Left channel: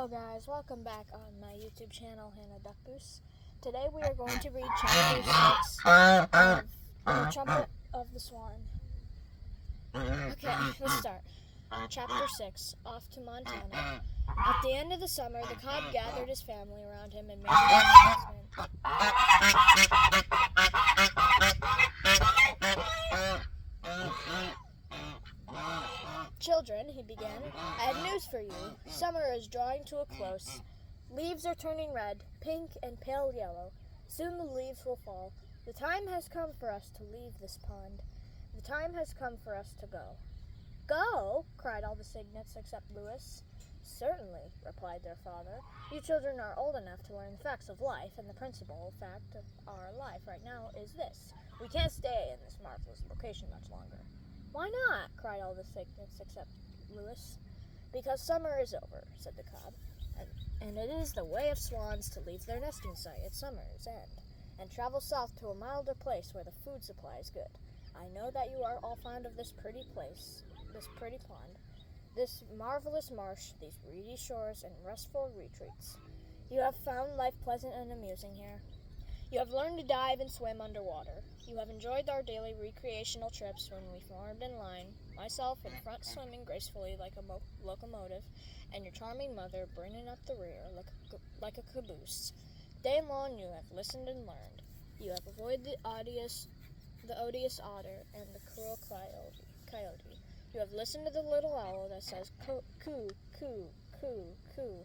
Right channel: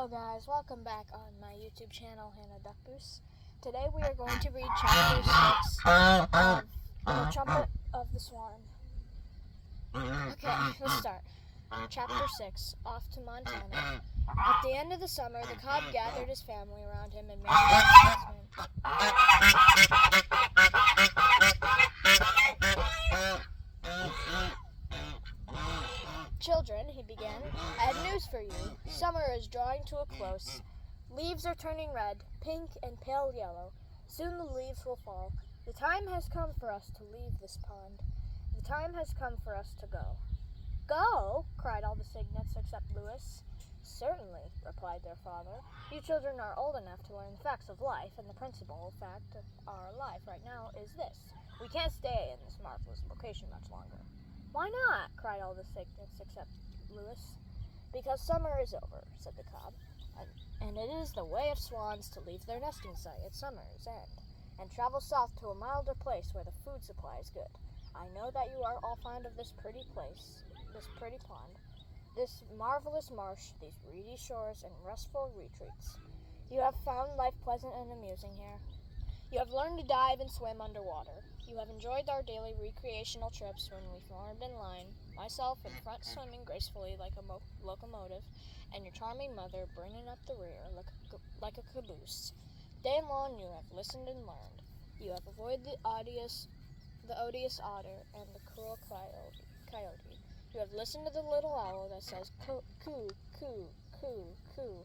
Hello guys, welcome back on my YouTube channel, Hannah Duckboos. Today we are going to read chapter 6 of The Trumpet of the Swan. Okay, let's start. Chapter 6, Off to Montana. At the end of the summer, the cob gathered his family around him and made an announcement. Children, he began, I have news for you. Summer is drawing to a close. Leaves are turning red, pink, and pale yellow. Soon the leaves will fall. The time has come for us to leave this pond. The time has come for us to go. Go? Cried all the cygnets except Lewis. Certainly, replied their father. You children are old enough to learn the facts of life, and the principal fact of our life right now is this. We can't stay in this marvelous location much longer. Why not? Cried all the cygnets except Lewis. Because summer is over, said the cob, and it is the way of swans to leave their nesting site at summer's end, and travel south to a milder place where the food supply is good. I know that you are all fond of this pretty place, this pretty pond, this marvelous marsh, these reedy shores, and restful retreats. You have found life pleasant and amusing here. You have learned to dive and swim underwater. You have enjoyed our daily recreational trips when we formed in line, myself in front swimming gracefully like a locomotive, and your charming mother bringing up the rear like a caboose. Day long you have listened and learned. You have avoided the odious otter and the cruel coyote. You have listened to the little owl that says coo, coo, coo, coo, coo.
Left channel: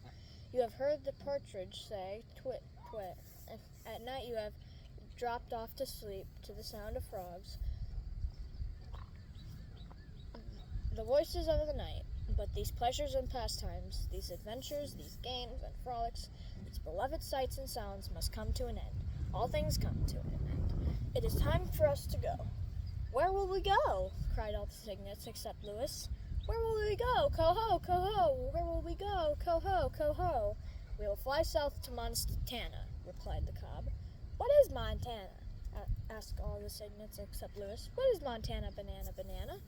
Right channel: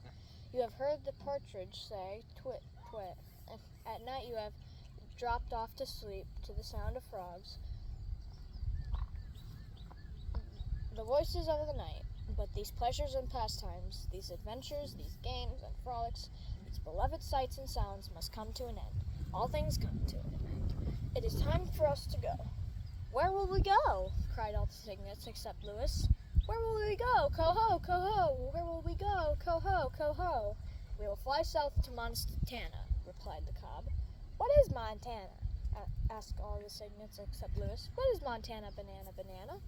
You have heard the partridge say twit, twit. At night you have dropped off to sleep to the sound of frogs, the voices of the night. But these pleasures and pastimes, these adventures, these games and frolics, these beloved sights and sounds must come to an end. All things come to an end. It is time for us to go. Where will we go? Cried all the cygnets except Lewis. Where will we go? Coho, coho! Where will we go? Coho, coho! We will fly south to Montana, replied the cob. What is Montana? Asked all the cygnets except Lewis. What is Montana, banana, banana?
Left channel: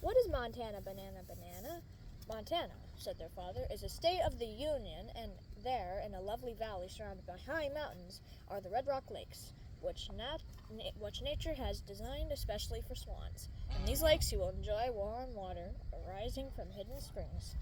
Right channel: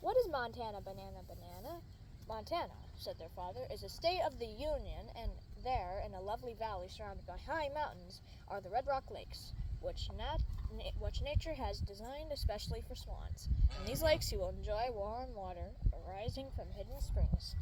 What is Montana, banana, banana? Montana, said their father, is a state of the Union, and there, in a lovely valley surrounded by high mountains, are the Red Rock Lakes, which nature has designed especially for swans. In these lakes you will enjoy warm water arising from hidden springs.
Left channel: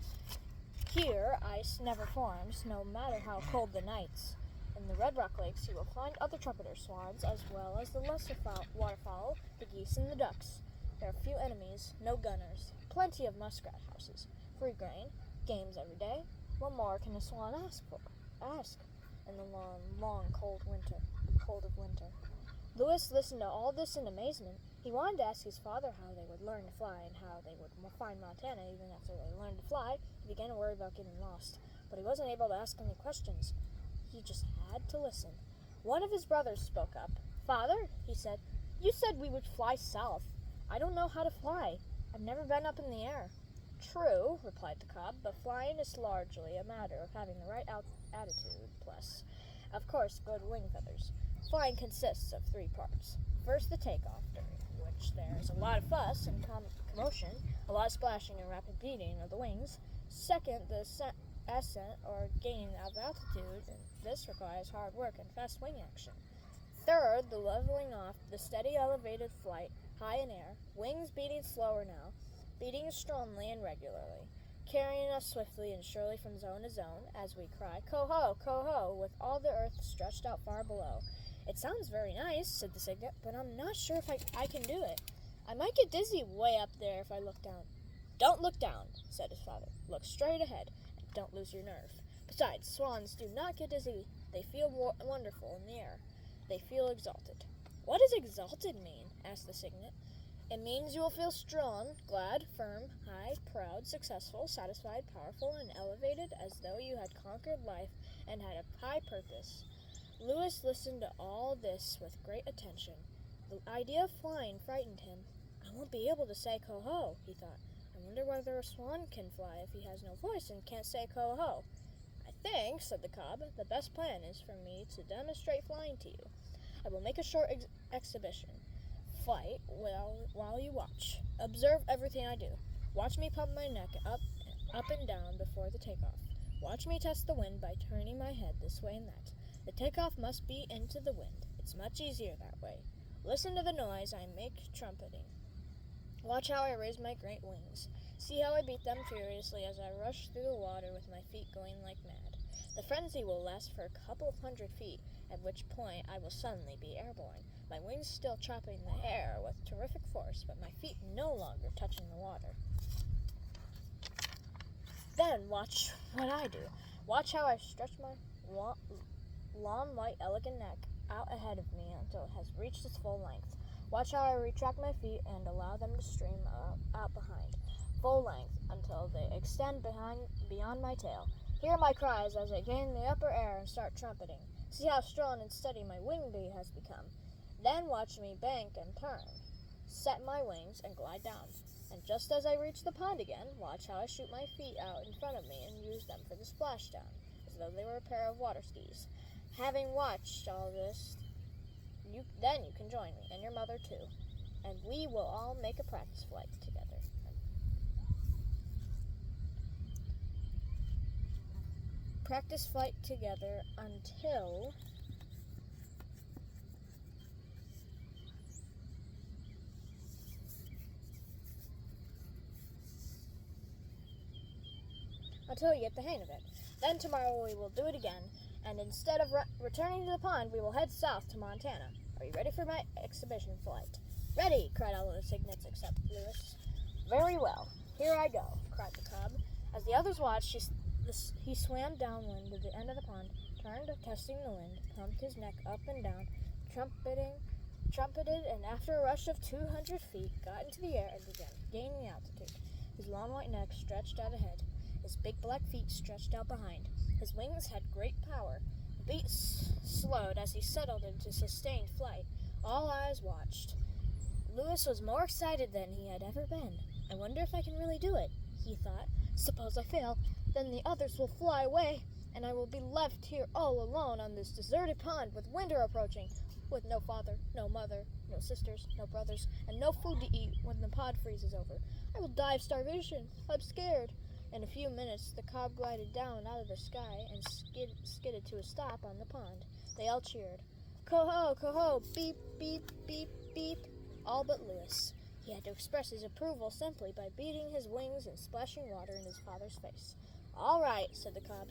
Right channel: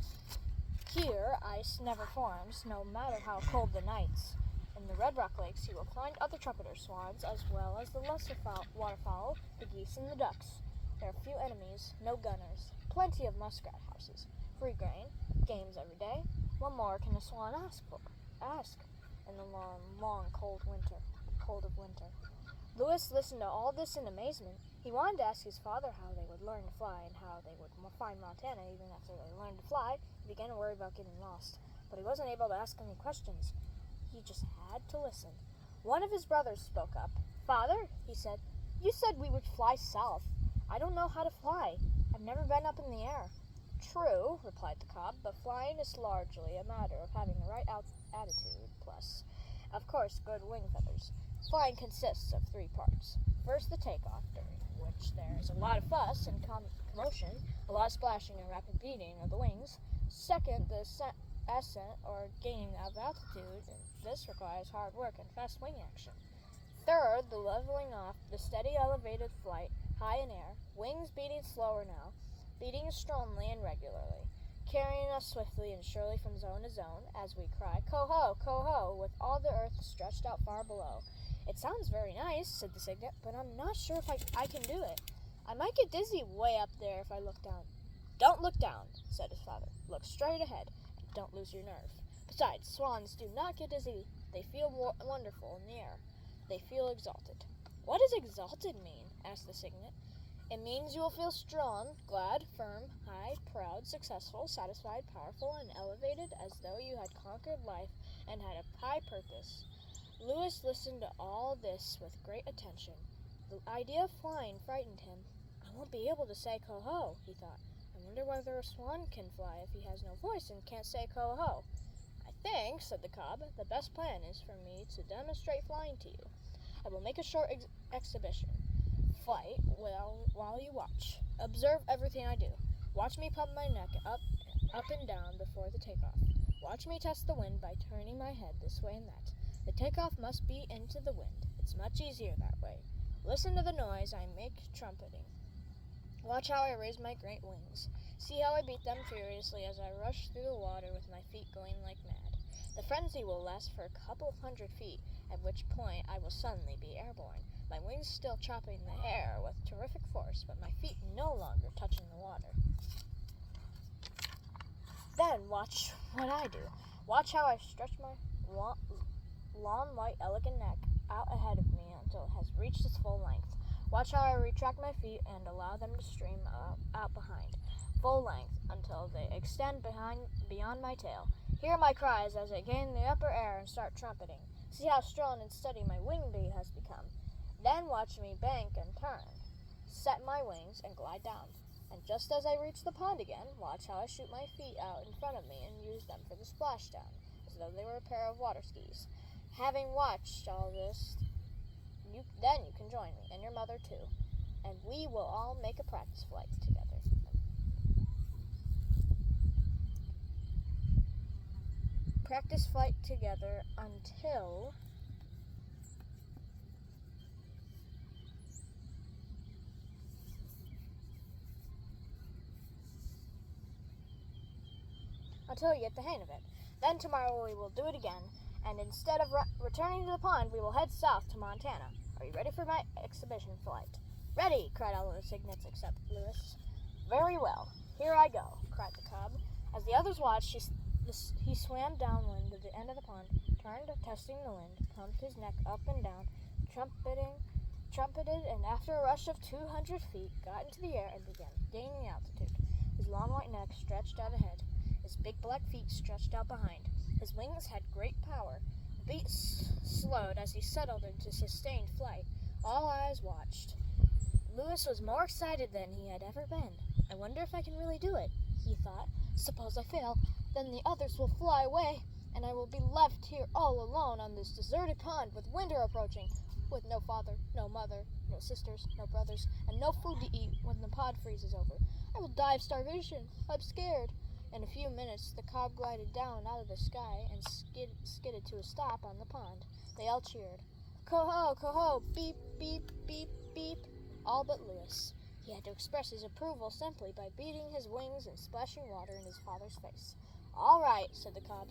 Here ice never forms, no matter how cold the nights. In the Red Rock Lakes you will find other trumpeter swans, as well as the lesser waterfowl, the geese and the ducks. There are few enemies, no gunners, plenty of muskrat houses, free grain, games every day. What more can a swan ask in the long, cold of winter? Lewis listened to all this in amazement. He wanted to ask his father how they would learn to fly and how they would find Montana even after they learned to fly. He began to worry about getting lost, but he wasn't able to ask any questions. He just had to listen. One of his brothers spoke up. Father, he said, you said we would fly south. I don't know how to fly. I've never been up in the air. True, replied the cob, but flying is largely a matter of having the right attitude, plus, of course, good wing feathers. Flying consists of 3 parts. First, the takeoff, during which there is a lot of fuss and commotion, a lot of splashing and rapid beating of the wings. Second, the ascent, or gaining of altitude, and this requires hard work and fast wing action. Third, the leveling off, the steady elevated flight, high in air, wings beating slower now, beating strongly and regularly, carrying us swiftly and surely from zone to zone, as we cry, coho, coho, with all the earth stretched out far below. It sounds very nice, said the cygnet, but I'm not sure if I can do it. I might get dizzy way up there if I look down. Don't look down, said his father. Look straight ahead, and don't lose your nerve. Besides, swans do not get dizzy. They feel wonderful in the air. They feel exalted. What does exalted mean? Asked the cygnet. It means you will feel strong, glad, firm, high, proud, successful, satisfied, powerful, and elevated, as though you had conquered life and had a high purpose. Lewis listened to all this with great attention. The idea of flying frightened him. I won't be able to say coho, he thought. I wonder whether a swan can fly if he has no voice and can't say coho. I think, said the cob, the best plan is for me to demonstrate flying to you. I will make a short exhibition. Flight while you watch. Observe everything I do. Watch me pump my neck up and down before the takeoff. Watch me test the wind by turning my head this way and that. The takeoff must be into the wind. It's much easier that way. Listen to the noise I make trumpeting. Watch how I raise my great wings. See how I beat them furiously as I rush through the water with my feet going like mad. The frenzy will last for a couple hundred feet, at which point I will suddenly be airborne, my wings still chopping the air with terrific force, but my feet no longer touching the water. Then watch what I do. Watch how I stretch my long, white, elegant neck out ahead of me until it has reached its full length. Watch how I retract my feet and allow them to stream out behind, full length, until they extend beyond my tail. Hear my cries as I gain the upper air and start trumpeting. See how strong and steady my wing beat has become. Then watch me bank and turn, set my wings, and glide down. And just as I reach the pond again, watch how I shoot my feet out in front of me and use them for the splashdown, as though they were a pair of water skis. Having watched all this, then you can join me, and your mother too, and we will all make a practice flight together. Practice flight together until you get the hang of it. Then tomorrow we will do it again, and instead of returning to the pond, we will head south to Montana. Are you ready for my exhibition flight? Ready, cried all the cygnets except Lewis. Very well, here I go, cried the cub. As the others watched, he swam downwind to the end of the pond, turned, testing the wind, pumped his neck up and down, trumpeted, and after a rush of 200 feet, got into the air and began gaining altitude. His long white neck stretched out ahead, his big black feet stretched out behind. His wings had great power. The beat slowed as he settled into sustained flight. All eyes watched. Lewis was more excited than he had ever been. I wonder if I can really do it, he thought. Suppose I fail, then the others will fly away, and I will be left here all alone on this deserted pond with winter approaching, with no father, no mother, no sisters, no brothers, and no food to eat when the pod freezes over. I will die of starvation. I'm scared. In a few minutes, the cob glided down out of the sky and skidded to a stop on the pond. They all cheered. Coho, coho, beep, beep, beep, beep. All but Lewis. He had to express his approval simply by beating his wings and splashing water in his father's face. All right, said the cob.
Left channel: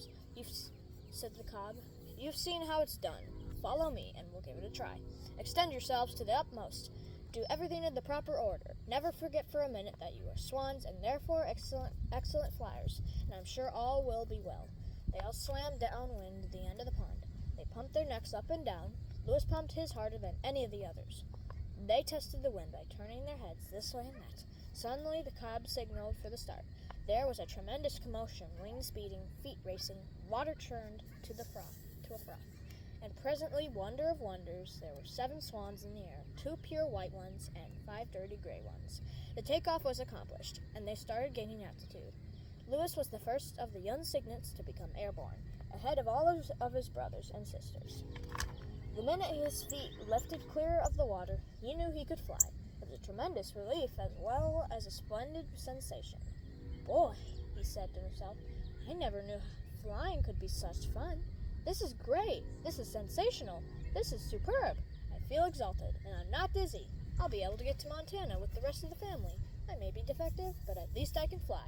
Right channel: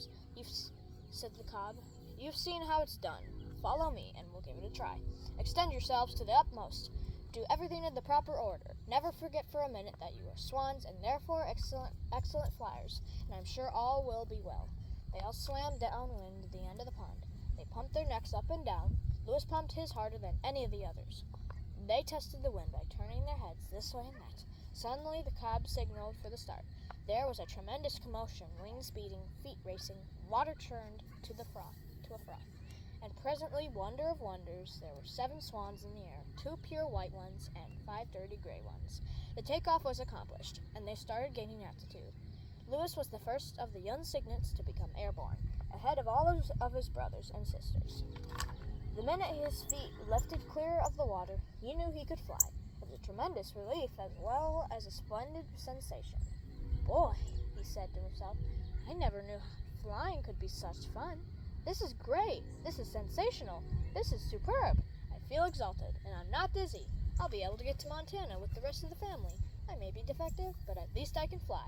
You've seen how it's done. Follow me, and we'll give it a try. Extend yourselves to the utmost. Do everything in the proper order. Never forget for a minute that you are swans and therefore excellent flyers, and I'm sure all will be well. They all swam downwind to the end of the pond. They pumped their necks up and down. Lewis pumped his harder than any of the others. They tested the wind by turning their heads this way and that. Suddenly the cob signaled for the start. There was a tremendous commotion, wings beating, feet racing, water churned to a froth. And presently, wonder of wonders, there were 7 swans in the air, 2 pure white ones and 5 dirty gray ones. The takeoff was accomplished, and they started gaining altitude. Lewis was the first of the young cygnets to become airborne, ahead of all of his brothers and sisters. The minute his feet lifted clear of the water, he knew he could fly. It was a tremendous relief as well as a splendid sensation. Boy, he said to himself, I never knew flying could be such fun. This is great. This is sensational. This is superb. I feel exalted, and I'm not dizzy. I'll be able to get to Montana with the rest of the family. I may be defective, but at least I can fly.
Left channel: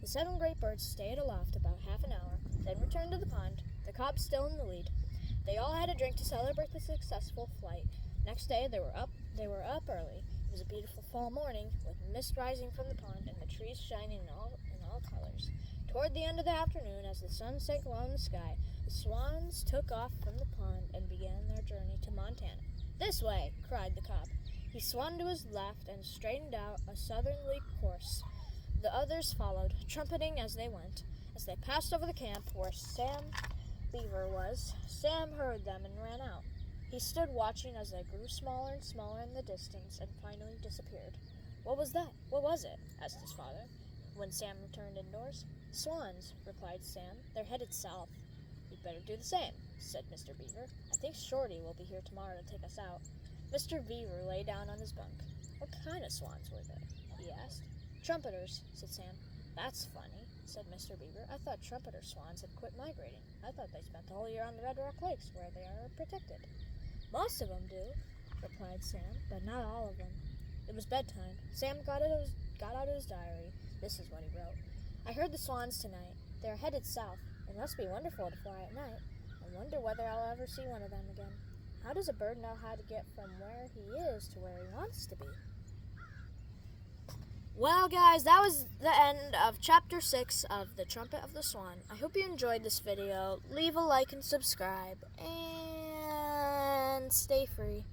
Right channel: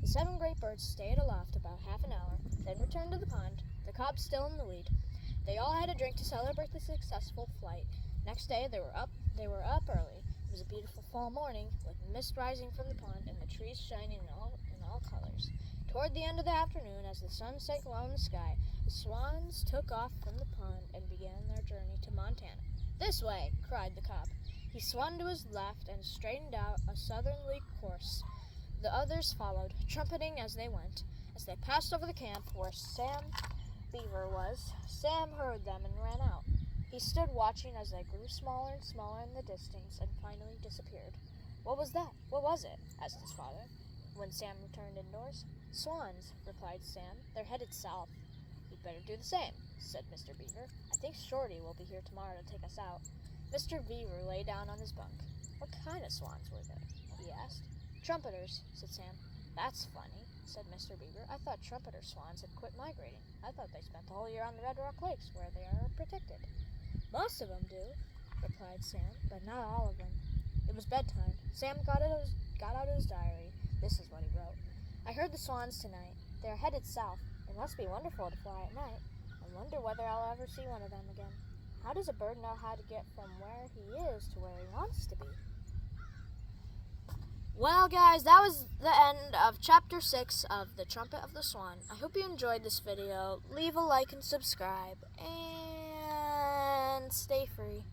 The 7 great birds stayed aloft about half an hour, then returned to the pond, the cob still in the lead. They all had a drink to celebrate the successful flight. Next day they were up early. It was a beautiful fall morning, with mist rising from the pond and the trees shining in all colors. Toward the end of the afternoon, as the sun sank low in the sky, the swans took off from the pond and began their journey to Montana. This way, cried the cob. He swung to his left and straightened out a southerly course. The others followed, trumpeting as they went. As they passed over the camp where Sam Beaver was, Sam heard them and ran out. He stood watching as they grew smaller and smaller in the distance and finally disappeared. What was that? What was it? Asked his father, when Sam returned indoors. Swans, replied Sam. They're headed south. You'd better do the same, said Mr. Beaver. I think Shorty will be here tomorrow to take us out. Mr. Beaver lay down on his bunk. What kind of swans were they? He asked. Trumpeters, said Sam. That's funny. said Mr. Beaver. "I thought trumpeter swans had quit migrating. I thought they spent the whole year on the Red Rock Lakes, where they are protected." "Most of them do," replied Sam, "but not all of them." It was bedtime. Sam got out his diary. This is what he wrote. "I heard the swans tonight. They are headed south. It must be wonderful to fly at night. I wonder whether I'll ever see one of them again. How does a bird know how to get from where he is to where he wants to be?" Well, guys, that was the end of Chapter 6 of The Trumpet of the Swan. I hope you enjoyed this video. Leave a like and subscribe. And stay free.